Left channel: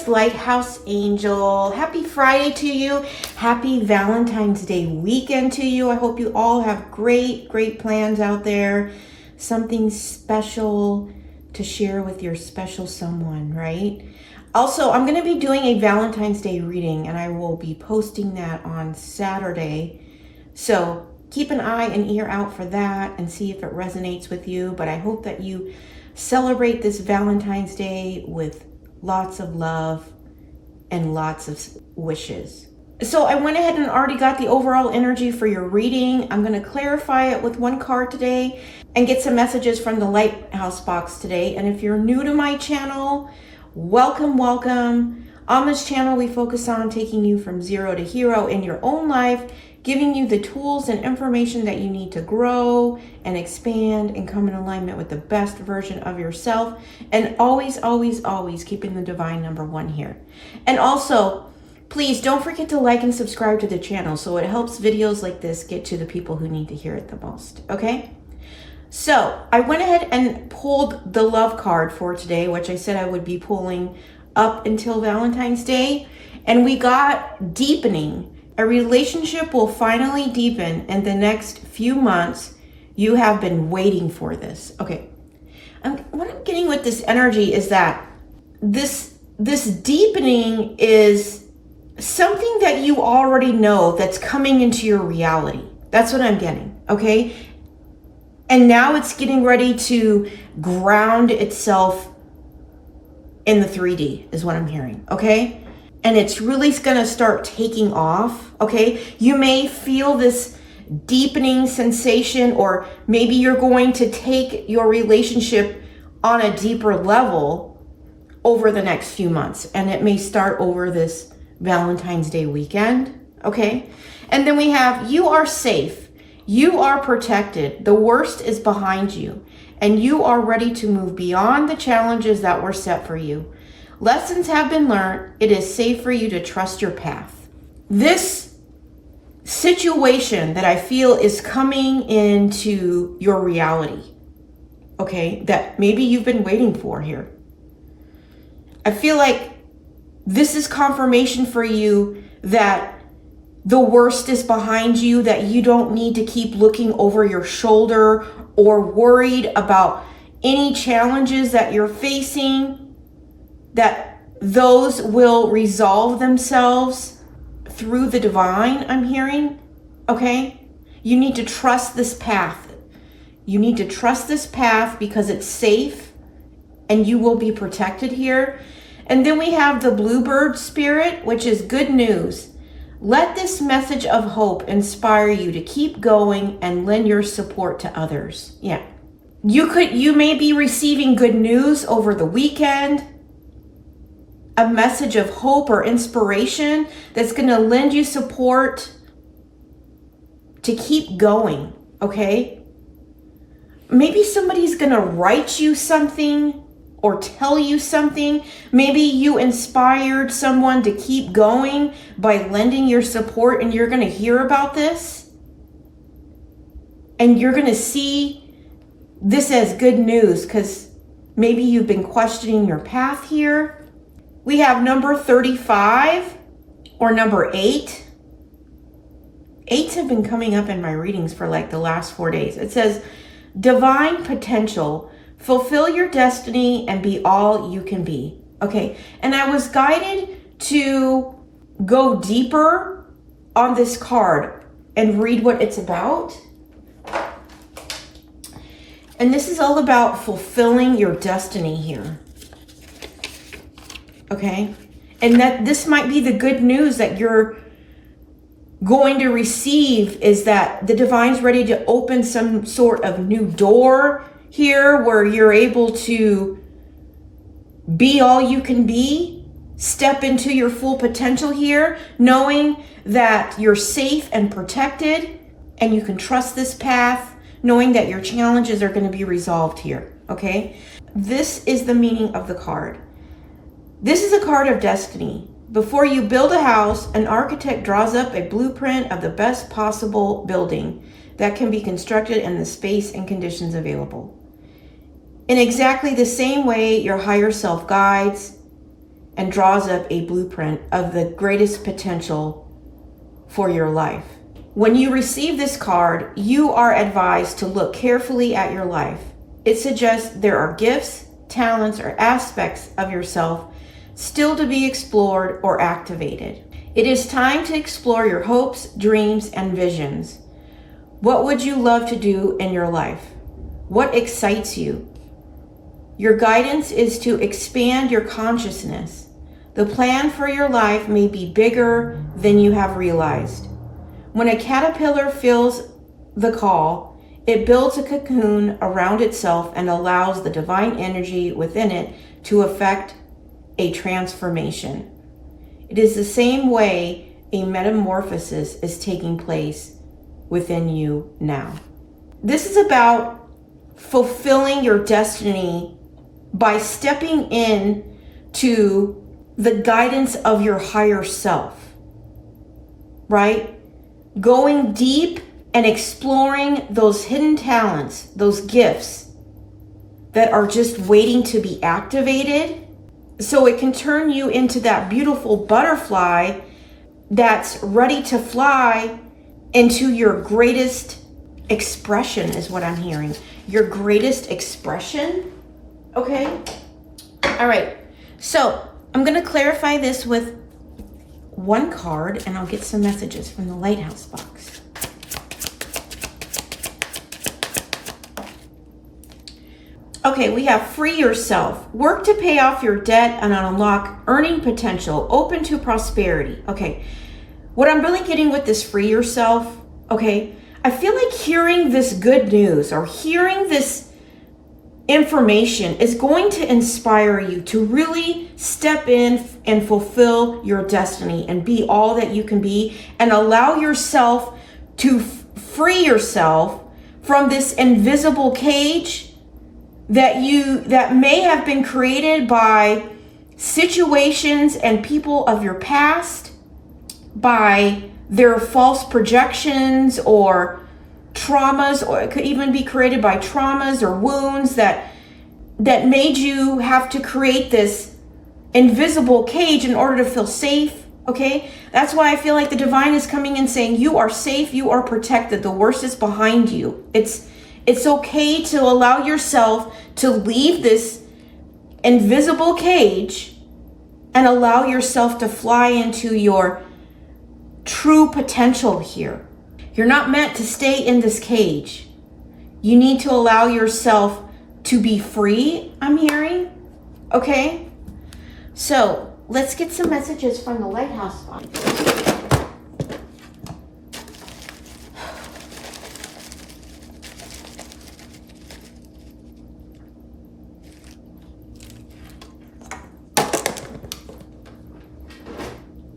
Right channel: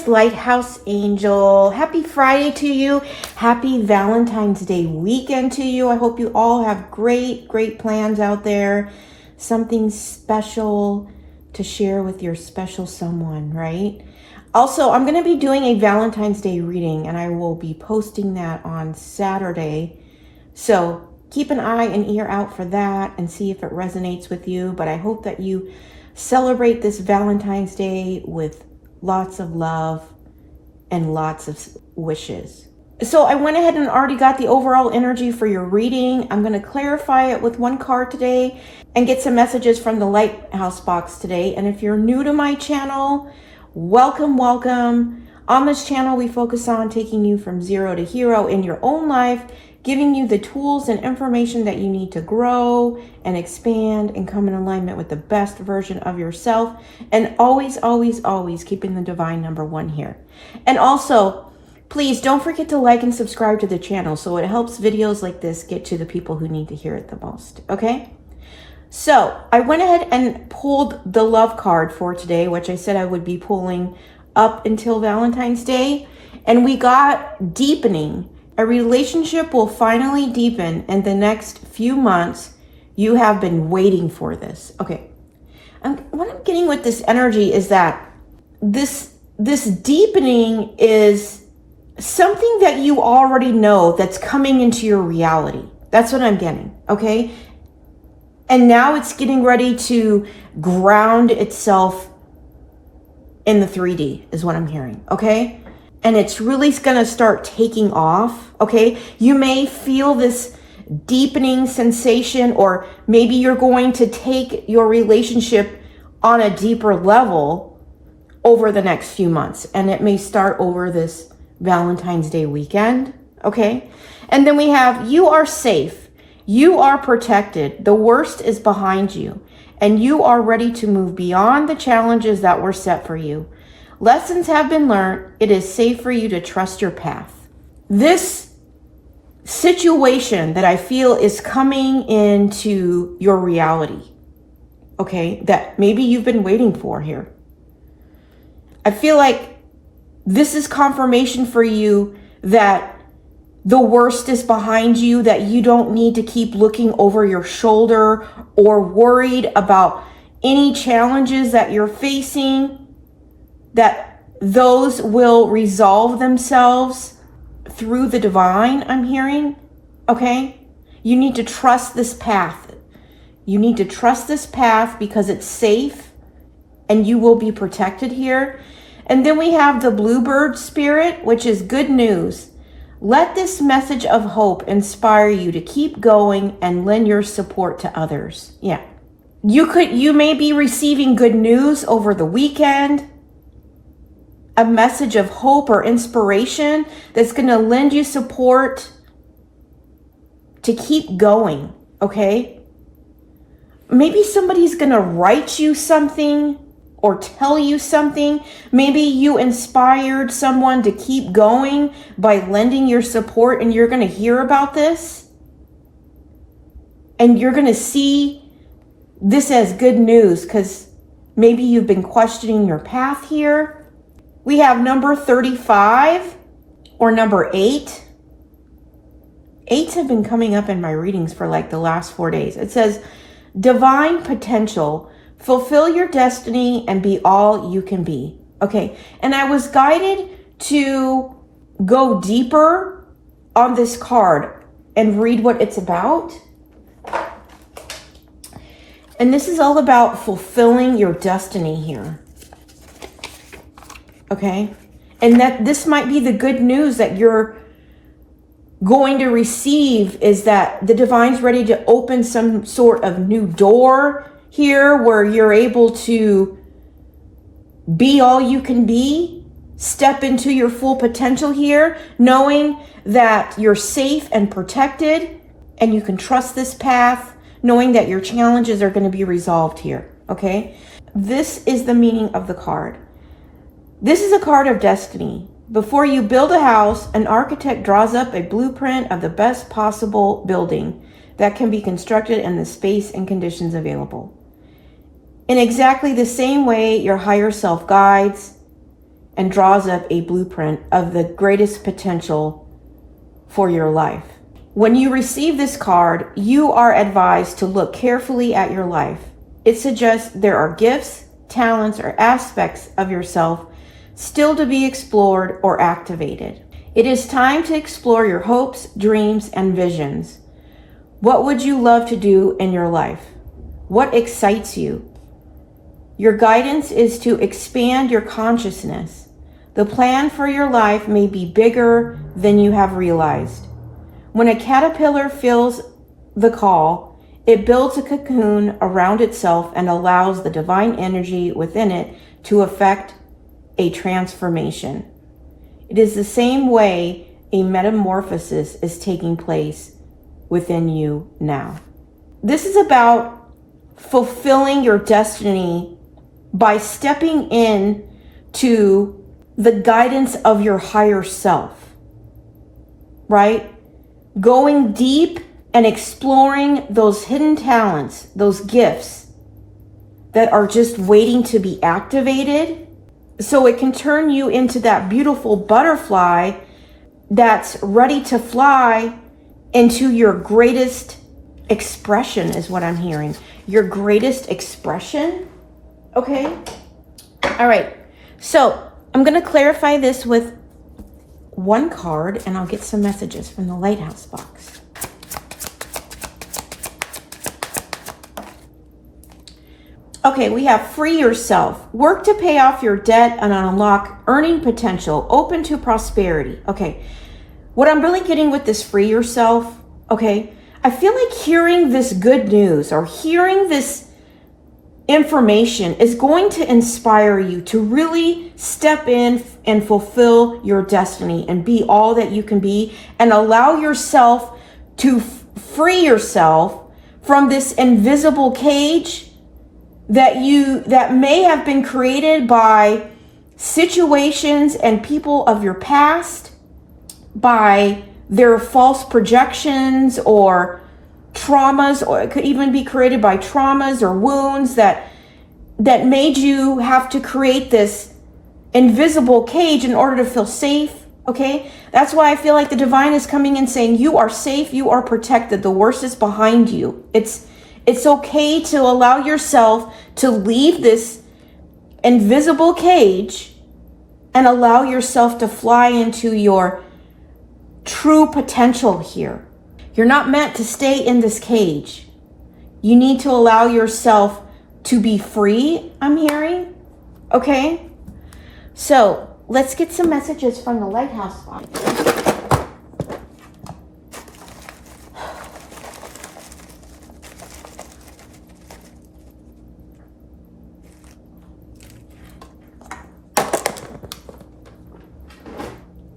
it's Lighthouse Angel. Happy Friday to you. Happy Valentine's Day weekend to you. I hope you all have great plans out there. Something special to share with your special someone, right? Also, I'm going to be doing a Valentine's Day reading, and I will be posting that on Saturday. So keep an eye and ear out for that and see if it resonates with you. But I hope that you celebrate this Valentine's Day with lots of love and lots of wishes. So I went ahead and already got the overall energy for your reading. I'm going to clarify it with one card today and get some messages from the Lighthouse box today. And if you're new to my channel, welcome. On this channel, we focus on taking you from zero to hero in your own life, giving you the tools and information that you need to grow and expand and come in alignment with the best version of yourself. And always keeping the divine number one here. And also, please don't forget to like and subscribe to the channel so it helps videos like this get to the people who need to hear it the most, okay? So I went ahead and pulled the love card for today, which I said I would be pulling up until Valentine's Day. And we got deepening. A relationship will finally deepen in the next few months. You have been waiting for this. Okay. What I'm getting with this energy is that this deepening is something that you already know that's coming into your reality. That's what I'm getting. Okay. And now it's getting ready to ground itself in the 3D is what I'm hearing. Okay. And it's really going to start taking off, okay? You may feel this deepening sensation, or maybe you're going to take your relationship on a deeper level over the next few months. And it may start over this Valentine's Day weekend, okay? And then we have, you are safe. You are protected. The worst is behind you. And you are ready to move beyond the challenges that were set for you. Lessons have been learned. It is safe for you to trust your path. This situation that I feel is coming into your reality, okay, that maybe you've been waiting for here. I feel like this is confirmation for you that the worst is behind you, that you don't need to keep looking over your shoulder or worried about any challenges that you're facing, that those will resolve themselves through the divine, I'm hearing, okay? You need to trust this path. You need to trust this path because it's safe and you will be protected here. And then we have the bluebird spirit, which is good news. Let this message of hope inspire you to keep going and lend your support to others. Yeah. You may be receiving good news over the weekend, a message of hope or inspiration that's going to lend you support to keep going, okay? Maybe somebody's going to write you something or tell you something. Maybe you inspired someone to keep going by lending your support, and you're going to hear about this. And you're going to see this as good news because maybe you've been questioning your path here. We have number 35 or number 8. 8s have been coming up in my readings for like the last 4 days. It says, divine potential, fulfill your destiny and be all you can be. Okay, and I was guided to go deeper on this card and read what it's about. And this is all about fulfilling your destiny here. Okay, and that this might be the good news that you're going to receive, is that the divine's ready to open some sort of new door here where you're able to be all you can be, step into your full potential here, knowing that you're safe and protected and you can trust this path, knowing that your challenges are going to be resolved here. Okay, this is the meaning of the card. This is a card of destiny. Before you build a house, an architect draws up a blueprint of the best possible building that can be constructed in the space and conditions available. In exactly the same way, your higher self guides and draws up a blueprint of the greatest potential for your life. When you receive this card, you are advised to look carefully at your life. It suggests there are gifts, talents, or aspects of yourself still to be explored or activated. It is time to explore your hopes, dreams, and visions. What would you love to do in your life? What excites you? Your guidance is to expand your consciousness. The plan for your life may be bigger than you have realized. When a caterpillar feels the call, it builds a cocoon around itself and allows the divine energy within it to effect a transformation. It is the same way a metamorphosis is taking place within you now. This is about fulfilling your destiny by stepping in to the guidance of your higher self, right? Going deep and exploring those hidden talents, those gifts that are just waiting to be activated so it can turn you into that beautiful butterfly that's ready to fly into your greatest expression is what I'm hearing. Your greatest expression. Okay. All right. So I'm going to clarify this with one card and I'll get some messages from the Lighthouse box. Okay, we have free yourself. Work to pay off your debt and unlock earning potential. Open to prosperity. Okay, what I'm really getting with this free yourself, okay, I feel like hearing this good news or hearing this information is going to inspire you to really step in and fulfill your destiny and be all that you can be and allow yourself to free yourself from this invisible cage that may have been created by situations and people of your past, by their false projections or traumas, or it could even be created by traumas or wounds that made you have to create this invisible cage in order to feel safe. Okay, that's why I feel like the divine is coming in saying you are safe, you are protected, the worst is behind you. It's okay to allow yourself to leave this invisible cage and allow yourself to fly into your true potential here. You're not meant to stay in this cage. You need to allow yourself to be free, I'm hearing. Okay? So, let's get some messages from the Lighthouse box.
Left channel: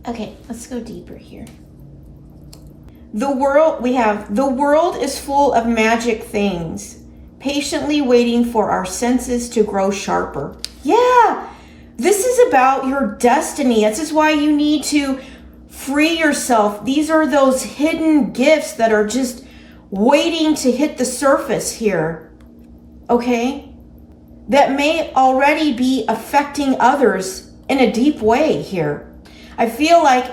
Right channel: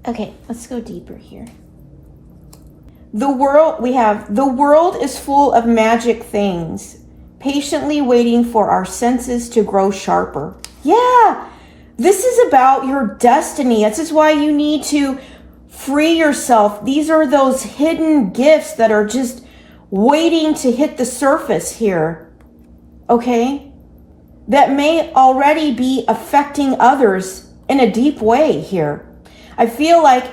Okay, let's go deeper here. The world is full of magic things, patiently waiting for our senses to grow sharper. Yeah, this is about your destiny. This is why you need to free yourself. These are those hidden gifts that are just waiting to hit the surface here, okay? That may already be affecting others in a deep way here. I feel like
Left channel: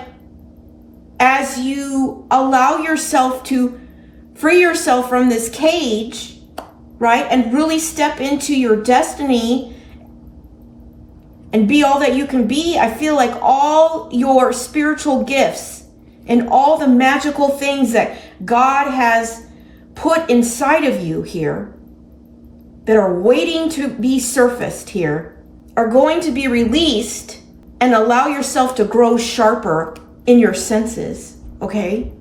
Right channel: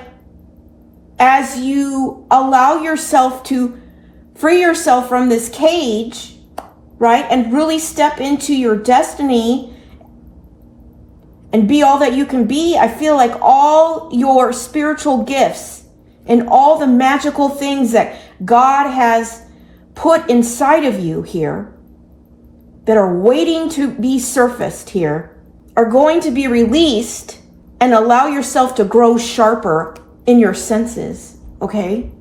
as you allow yourself to free yourself from this cage, right, and really step into your destiny and be all that you can be, I feel like all your spiritual gifts and all the magical things that God has put inside of you here that are waiting to be surfaced here are going to be released and allow yourself to grow sharper in your senses, okay?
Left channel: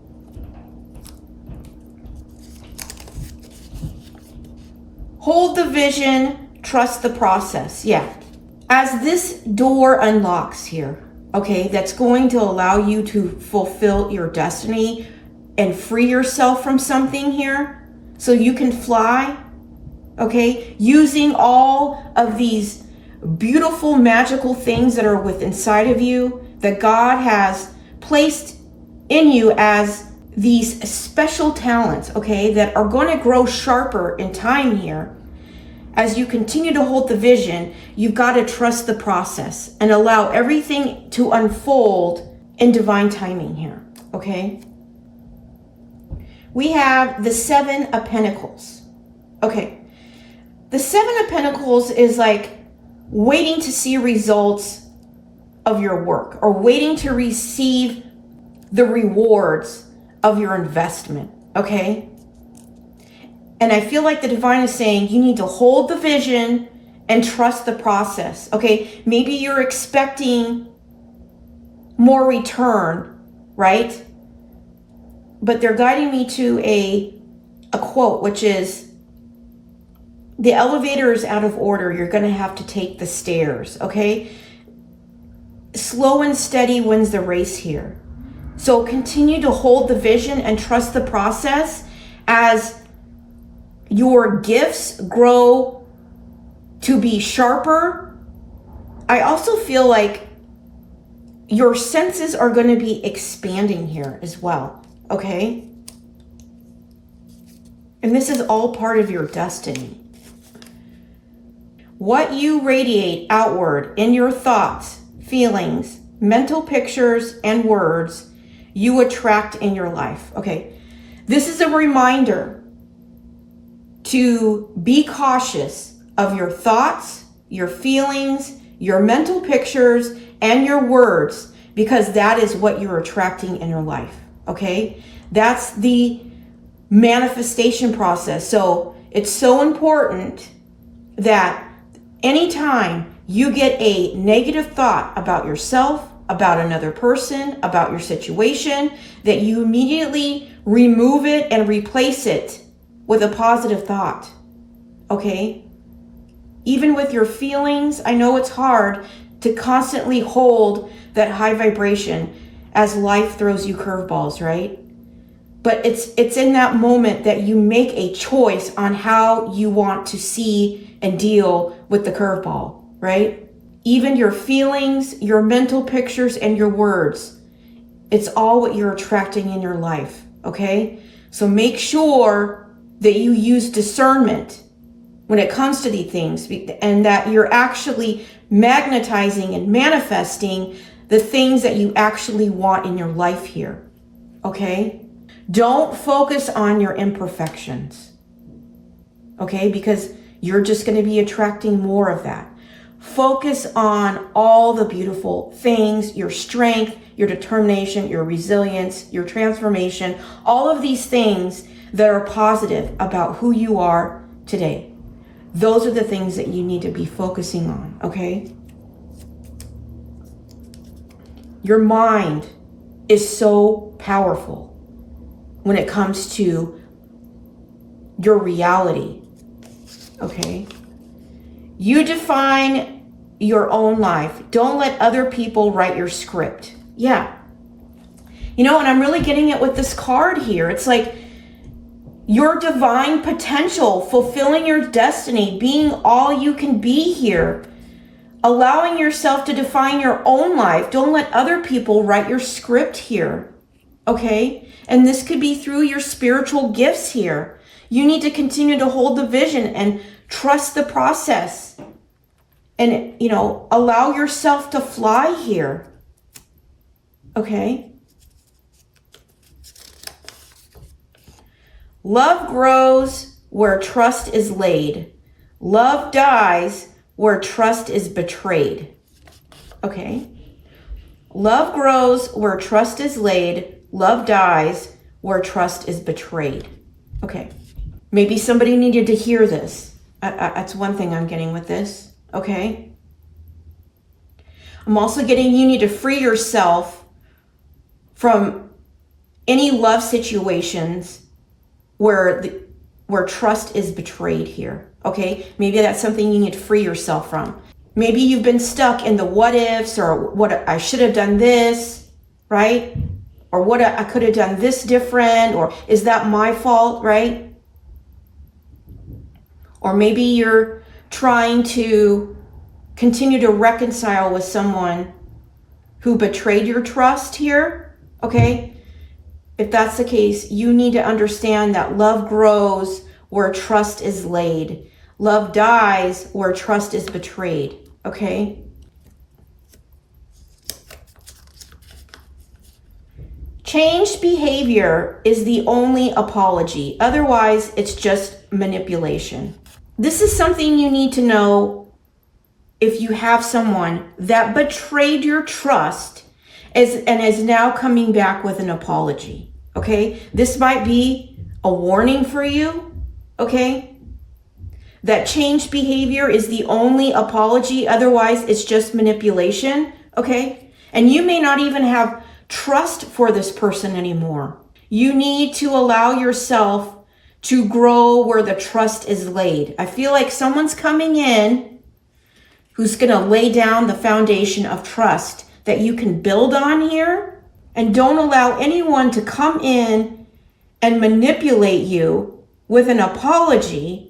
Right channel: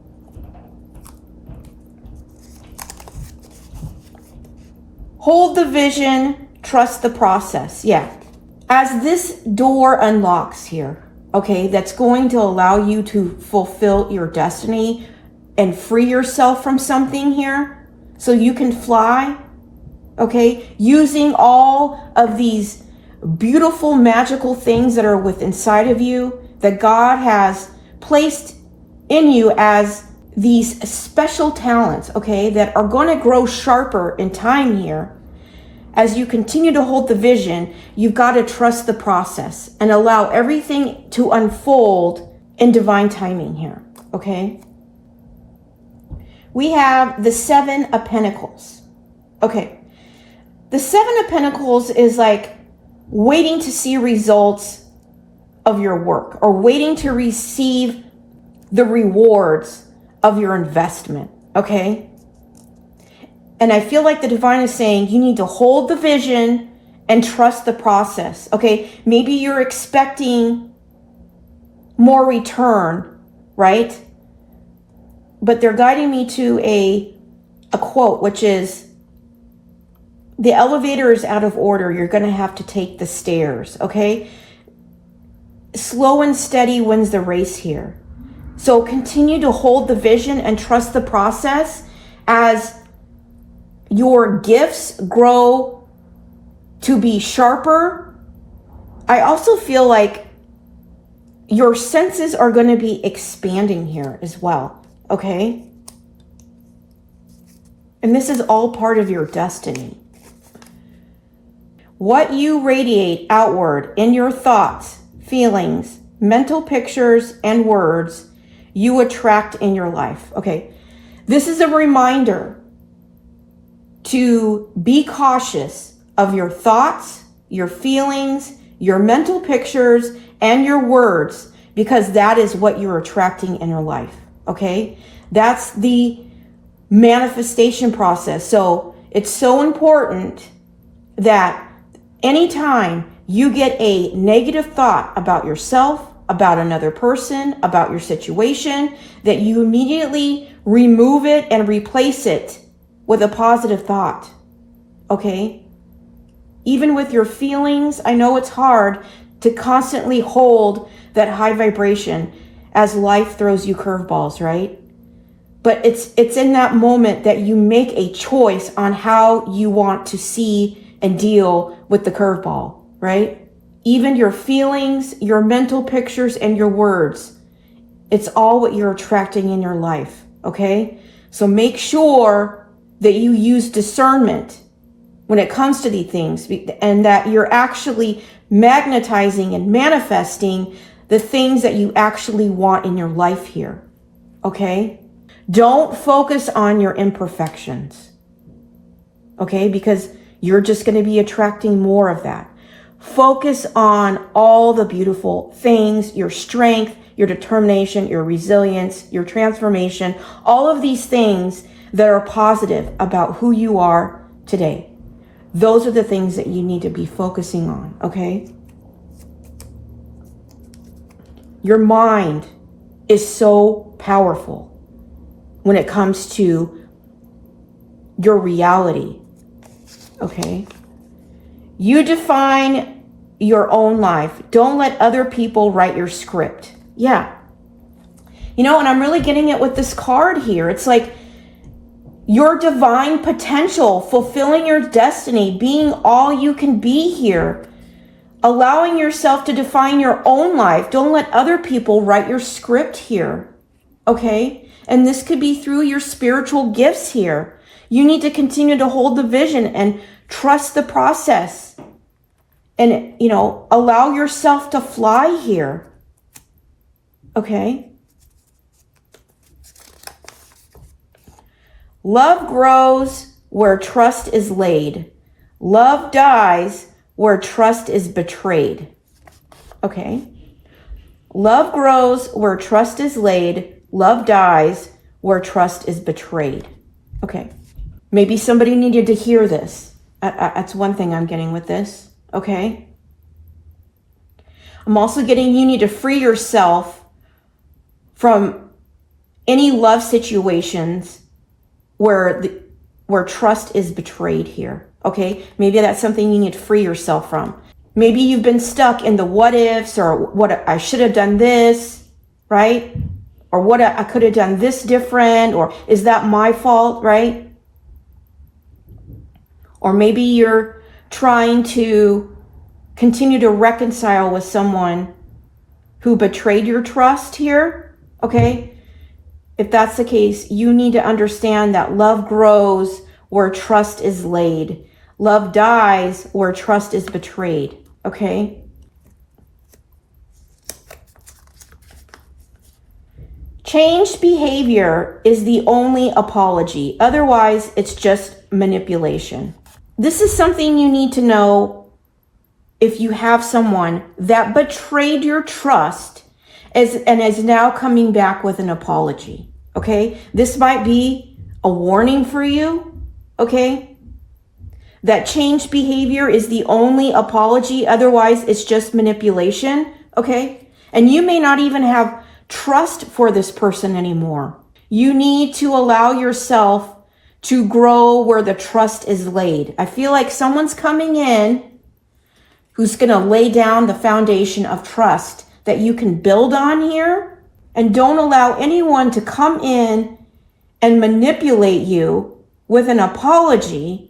Hold the vision, trust the process. Yeah. As this door unlocks here, okay, that's going to allow you to fulfill your destiny and free yourself from something here so you can fly, okay, using all of these beautiful magical things that are within inside of you that God has placed in you as these special talents, okay, that are going to grow sharper in time here. as you continue to hold the vision, you've got to trust the process and allow everything to unfold in divine timing here, okay? We have the Seven of Pentacles. Okay, the Seven of Pentacles is like waiting to see results of your work or waiting to receive the rewards of your investment, okay? And I feel like the divine is saying you need to hold the vision and trust the process, okay? Maybe you're expecting more return, right? But they're guiding me to a quote, which is, the elevator is out of order. You're going to have to take the stairs, okay? Slow and steady wins the race here. So continue to hold the vision and trust the process as your gifts grow to be sharper. I also feel like your senses are going to be expanding here as well, okay? And this is all part of your destiny. What you radiate outward in your thoughts, feelings, mental pictures, and words, you attract in your life. Okay, this is a reminder to be cautious of your thoughts, your feelings, your mental pictures, and your words, because that is what you're attracting in your life. Okay, that's the manifestation process. So it's so important that anytime you get a negative thought about yourself, about another person, about your situation, that you immediately remove it and replace it with a positive thought, okay? Even with your feelings, I know it's hard to constantly hold that high vibration as life throws you curveballs, right? But it's in that moment that you make a choice on how you want to see and deal with the curveball, right? Even your feelings, your mental pictures, and your words, it's all what you're attracting in your life, okay? So make sure that you use discernment when it comes to these things, and that you're actually magnetizing and manifesting the things that you actually want in your life here, okay? Don't focus on your imperfections, okay? Because you're just going to be attracting more of that. Focus on all the beautiful things, your strength, your determination, your resilience, your transformation, all of these things that are positive about who you are today. Those are the things that you need to be focusing on, okay? Your mind is so powerful when it comes to your reality, okay? You define your own life. Don't let other people write your script. Yeah. You know, and I'm really getting it with this card here. It's like your divine potential, fulfilling your destiny, being all you can be here, allowing yourself to define your own life. Don't let other people write your script here, okay? And this could be through your spiritual gifts here. You need to continue to hold the vision and trust the process and, you know, allow yourself to fly here, okay? Love grows where trust is laid. Love dies where trust is betrayed. Okay. Love grows where trust is laid. Love dies where trust is betrayed. Okay. Maybe somebody needed to hear this. That's one thing I'm getting with this. Okay. I'm also getting you need to free yourself from any love situations where trust is betrayed here, okay? Maybe that's something you need to free yourself from. Maybe you've been stuck in the what ifs, or what I should have done this, right? Or what I could have done this different, or is that my fault, right? Or maybe you're trying to continue to reconcile with someone who betrayed your trust here, okay? If that's the case, you need to understand that love grows where trust is laid. Love dies where trust is betrayed. Okay? Changed behavior is the only apology. Otherwise, it's just manipulation. This is something you need to know if you have someone that betrayed your trust and is now coming back with an apology. Okay? This might be a warning for you. Okay? That changed behavior is the only apology. Otherwise, it's just manipulation. Okay? And you may not even have trust for this person anymore. You need to allow yourself to grow where the trust is laid. I feel like someone's coming in who's going to lay down the foundation of trust that you can build on here. And don't allow anyone to come in and manipulate you with an apology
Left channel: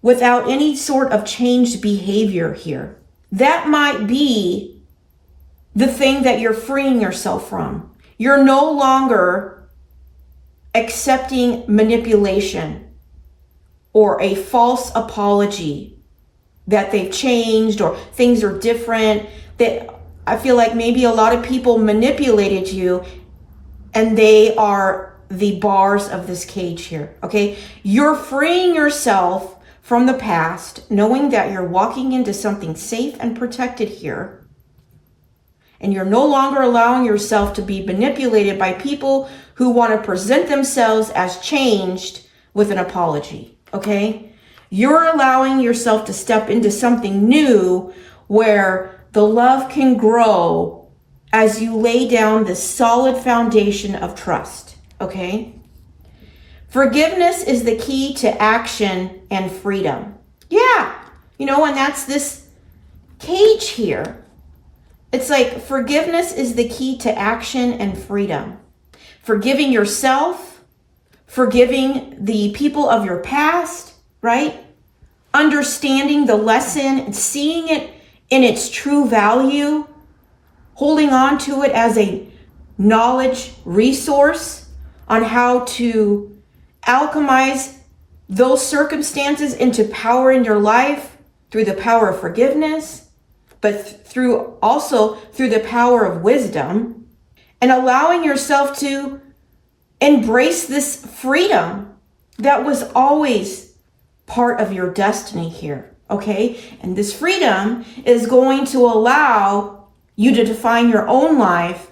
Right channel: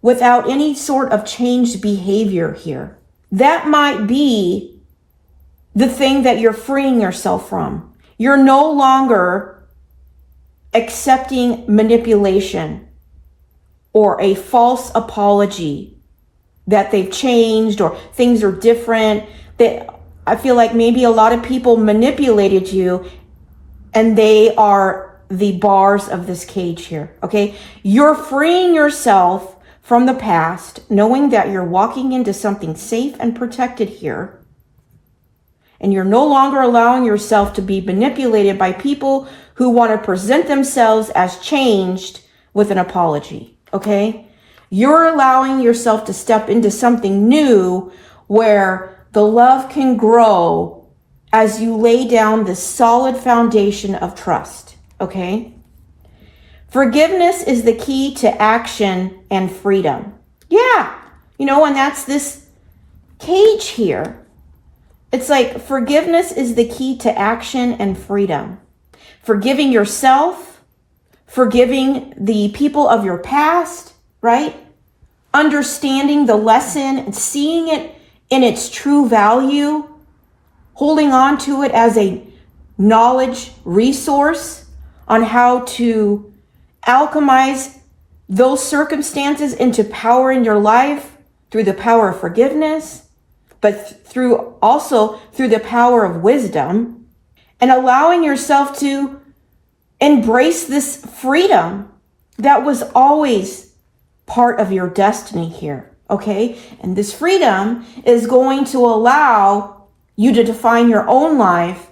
without any sort of changed behavior here. That might be the thing that you're freeing yourself from. You're no longer accepting manipulation or a false apology that they've changed or things are different. That I feel like maybe a lot of people manipulated you and they are the bars of this cage here. Okay? You're freeing yourself from the past, knowing that you're walking into something safe and protected here. And you're no longer allowing yourself to be manipulated by people who want to present themselves as changed with an apology. Okay? You're allowing yourself to step into something new where the love can grow as you lay down this solid foundation of trust. Okay? Forgiveness is the key to action and freedom. Yeah. And that's this cage here. It's like forgiveness is the key to action and freedom. Forgiving yourself, forgiving the people of your past, right? Understanding the lesson and seeing it in its true value, holding on to it as a knowledge resource on how to alchemize those circumstances into power in your life through the power of forgiveness, but also through the power of wisdom, and allowing yourself to embrace this freedom that was always part of your destiny here. Okay? And this freedom is going to allow you to define your own life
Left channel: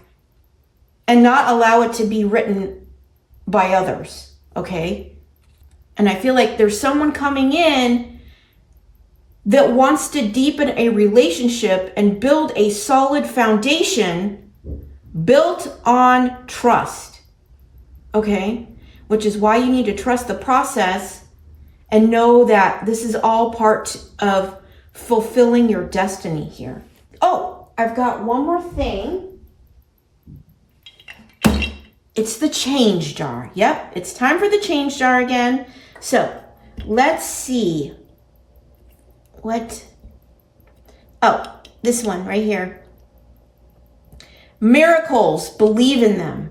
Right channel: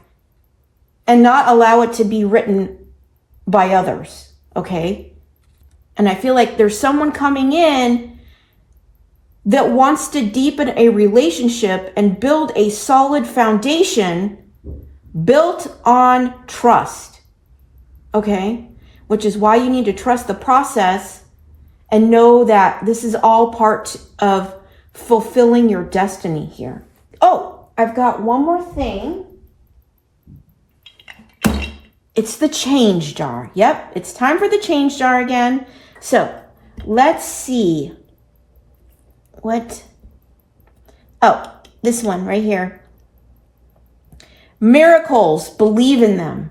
and not allow it to be written by others. Okay? And I feel like there's someone coming in that wants to deepen a relationship and build a solid foundation built on trust. Okay? Which is why you need to trust the process and know that this is all part of fulfilling your destiny here. Oh, I've got one more thing. It's the change jar. Yep, it's time for the change jar again. So let's see. This one right here. Miracles, believe in them.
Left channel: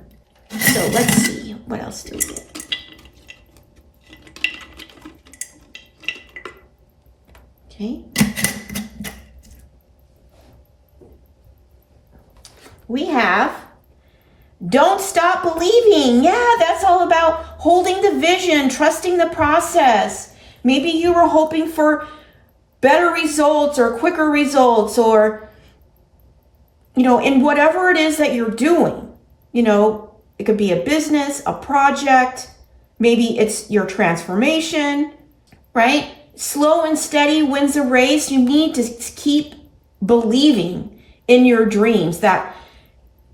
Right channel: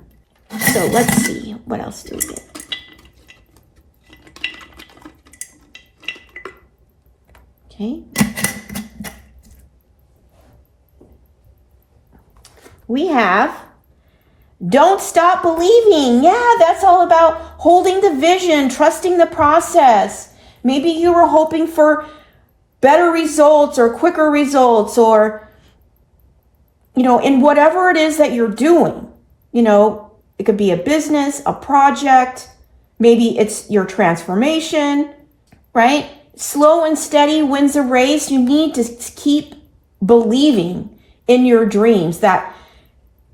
So let's see. What else do we get? Okay. We have don't stop believing. Yeah, that's all about holding the vision, trusting the process. Maybe you were hoping for better results or quicker results or, in whatever it is that you're doing. It could be a business, a project. Maybe it's your transformation, right? Slow and steady wins the race. You need to keep believing in your dreams that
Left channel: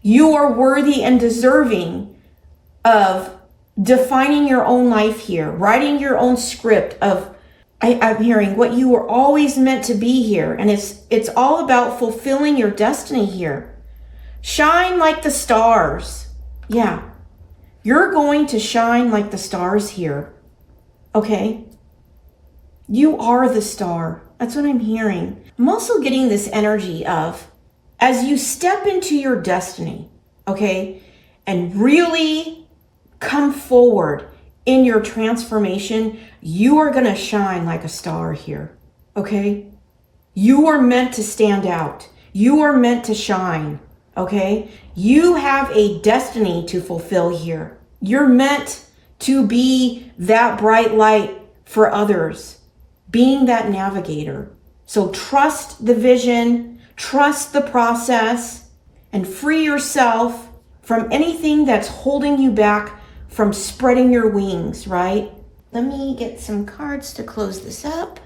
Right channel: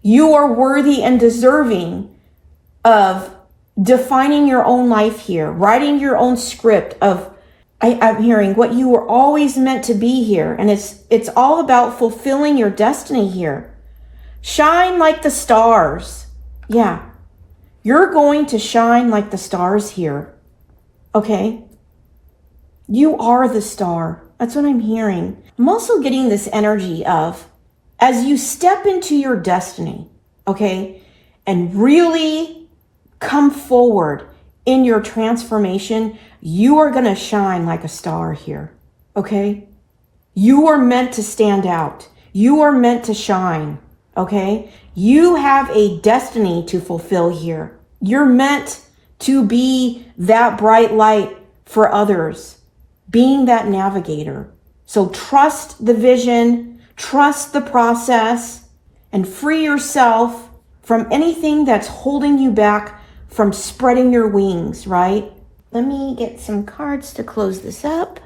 you are worthy and deserving of defining your own life here, writing your own script of, I'm hearing what you were always meant to be here. And it's all about fulfilling your destiny here. Shine like the stars. Yeah. You're going to shine like the stars here. Okay? You are the star. That's what I'm hearing. I'm also getting this energy of, as you step into your destiny, okay, and really come forward in your transformation, you are going to shine like a star here. Okay? You are meant to stand out. You are meant to shine. Okay? You have a destiny to fulfill here. You're meant to be that bright light for others, being that navigator. So trust the vision, trust the process, and free yourself from anything that's holding you back from spreading your wings, right? Let me get some cards to close this up.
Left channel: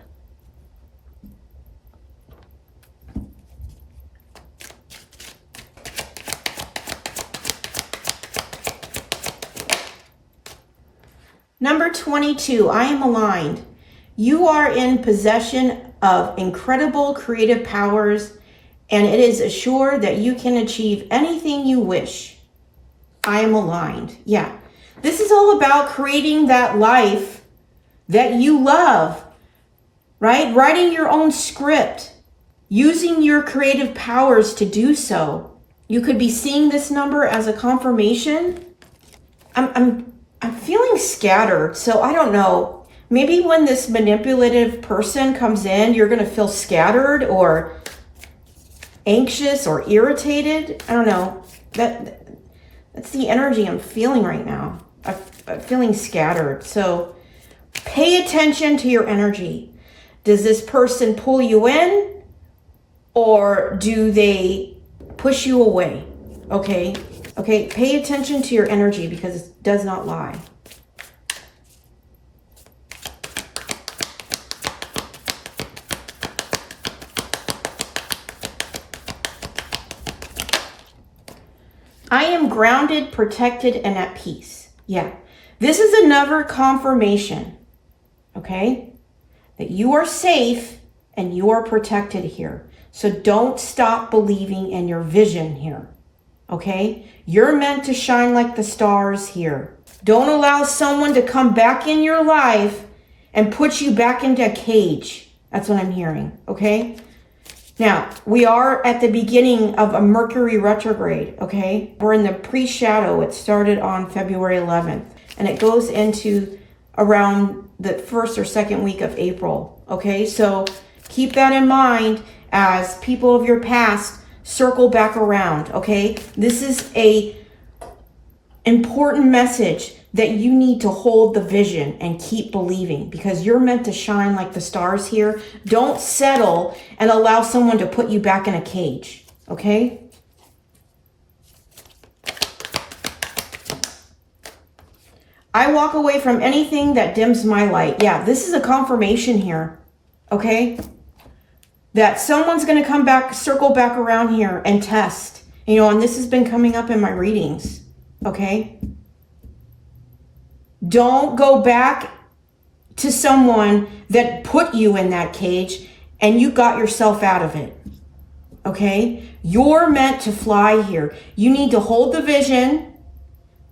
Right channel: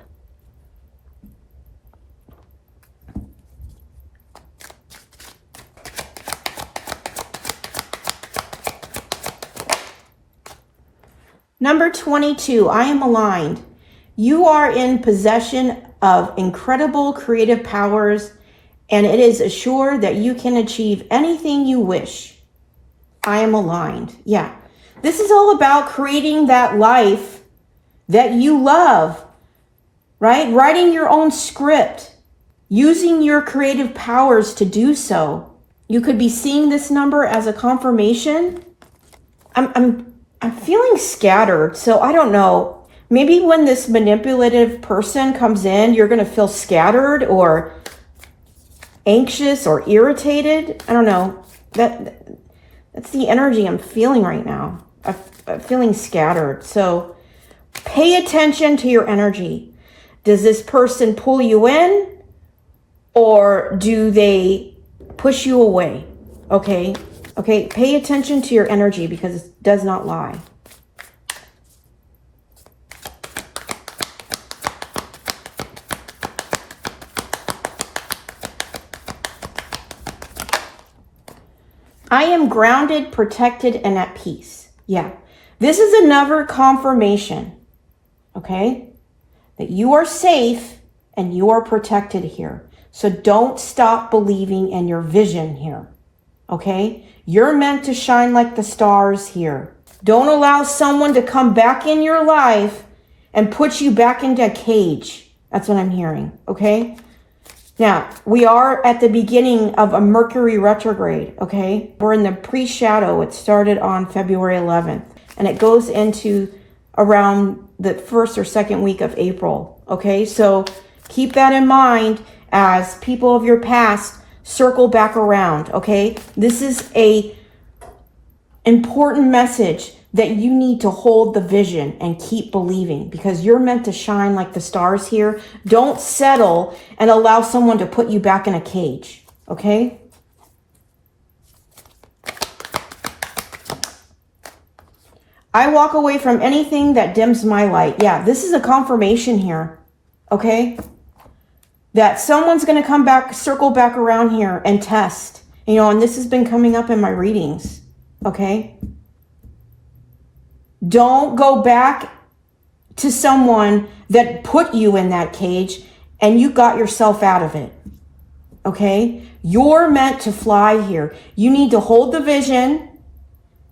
Number 22, I am aligned. You are in possession of incredible creative powers, and it is assured that you can achieve anything you wish. I am aligned. Yeah. This is all about creating that life that you love, right? Writing your own script, using your creative powers to do so. You could be seeing this number as a confirmation. I'm feeling scattered, so I don't know. Maybe when this manipulative person comes in, you're going to feel scattered or anxious or irritated. I don't know. That's the energy I'm feeling right now. I'm feeling scattered. So pay attention to your energy. Does this person pull you in or do they push you away? Okay. Okay. Pay attention to your energy because it does not lie. I am grounded, protected, and at peace. Yeah. This is another confirmation, okay, that you are safe and you are protected here. So don't stop believing in your vision here, okay? You're meant to shine like the stars here. Don't allow someone to come back in your life and put you back into a cage. That's what I'm hearing, okay? Now, we are at the beginning of a Mercury retrograde, okay? We're in the pre-shadow. It started on February 11th, and it goes into around the first or second week of April, okay? So keep that in mind as people of your past circle back around, okay? This is a important message that you need to hold the vision and keep believing because you're meant to shine like the stars here. Don't settle and allow someone to put you back in a cage, okay? I walk away from anything that dims my light. Yeah, this is a confirmation here, okay? That someone's going to come back, circle back around here and test, you know, and this has been coming up in my readings, okay? Don't go back to someone that put you in that cage and you got yourself out of it. Okay? You're meant to fly here. You need to hold the vision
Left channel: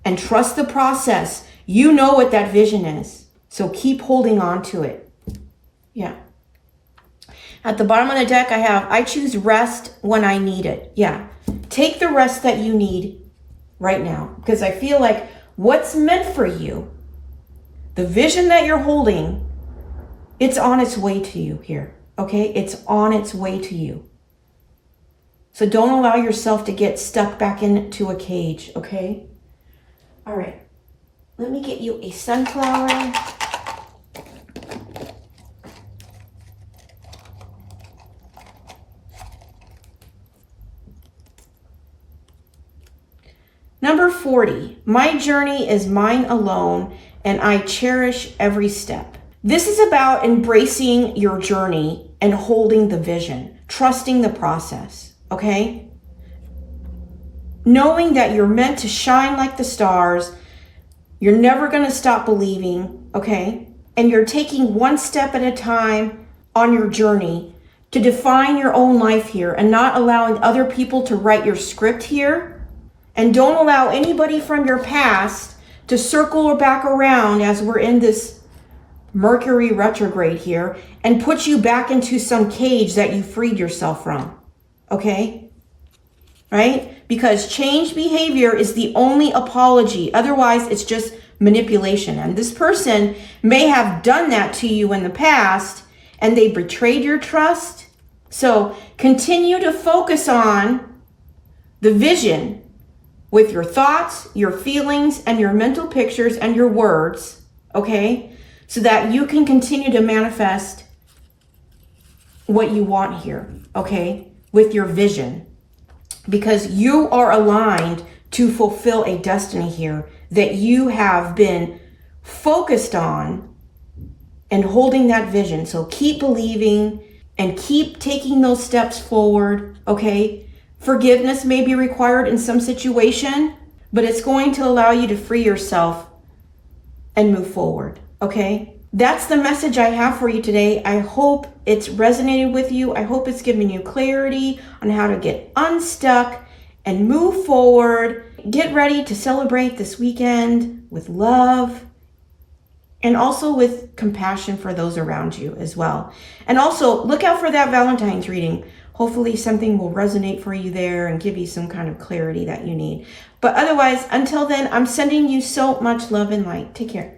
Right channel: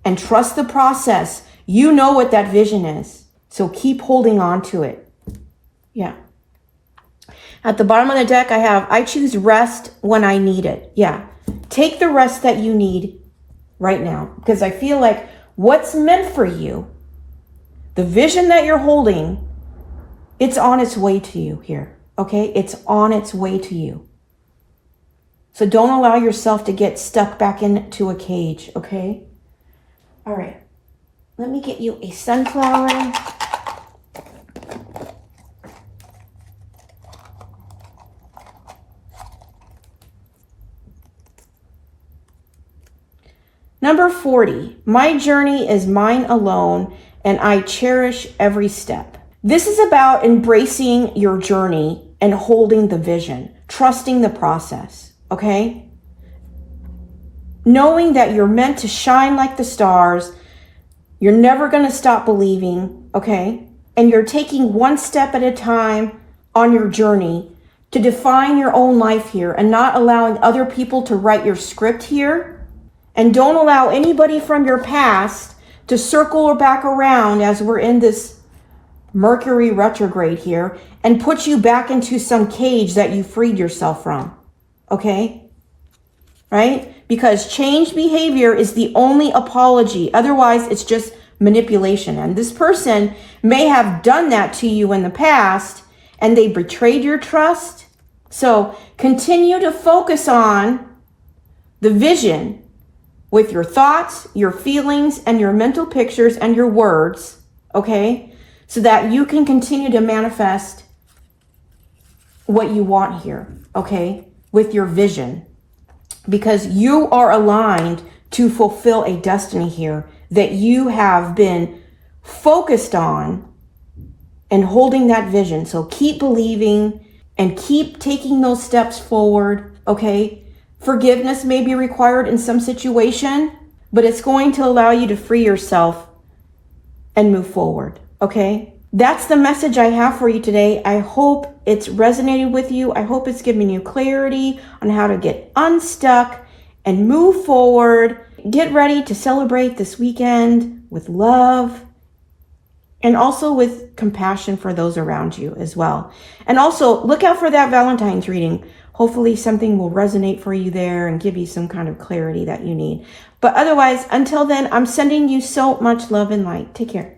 and trust the process. You know what that vision is. So keep holding on to it. Yeah. At the bottom of the deck, I choose rest when I need it. Yeah. Take the rest that you need right now because I feel like what's meant for you, the vision that you're holding, it's on its way to you here, okay? It's on its way to you. So don't allow yourself to get stuck back into a cage, okay? All right, let me get you a sunflower. Number 40, my journey is mine alone and I cherish every step. This is about embracing your journey and holding the vision, trusting the process, okay? Knowing that you're meant to shine like the stars, you're never going to stop believing, okay? And you're taking one step at a time on your journey to define your own life here and not allowing other people to write your script here. And don't allow anybody from your past to circle back around as we're in this Mercury retrograde here and put you back into some cage that you freed yourself from. Okay? Right? Because changed behavior is the only apology. Otherwise, it's just manipulation. And this person may have done that to you in the past and they betrayed your trust. So continue to focus on the vision with your thoughts, your feelings, and your mental pictures and your words, okay? So that you can continue to manifest what you want here, okay? With your vision. Because you are aligned to fulfill a destiny here that you have been focused on and holding that vision. So keep believing and keep taking those steps forward, okay? Forgiveness may be required in some situation, but it's going to allow you to free yourself and move forward, okay? That's the message I have for you today. I hope it's resonated with you. I hope it's given you clarity on how to get unstuck and move forward. Get ready to celebrate this weekend with love and also with compassion for those around you as well. And also look out for that Valentine's reading. Hopefully something will resonate for you there and give you some kind of clarity that you need. But otherwise, until then, I'm sending you so much love and light. Take care.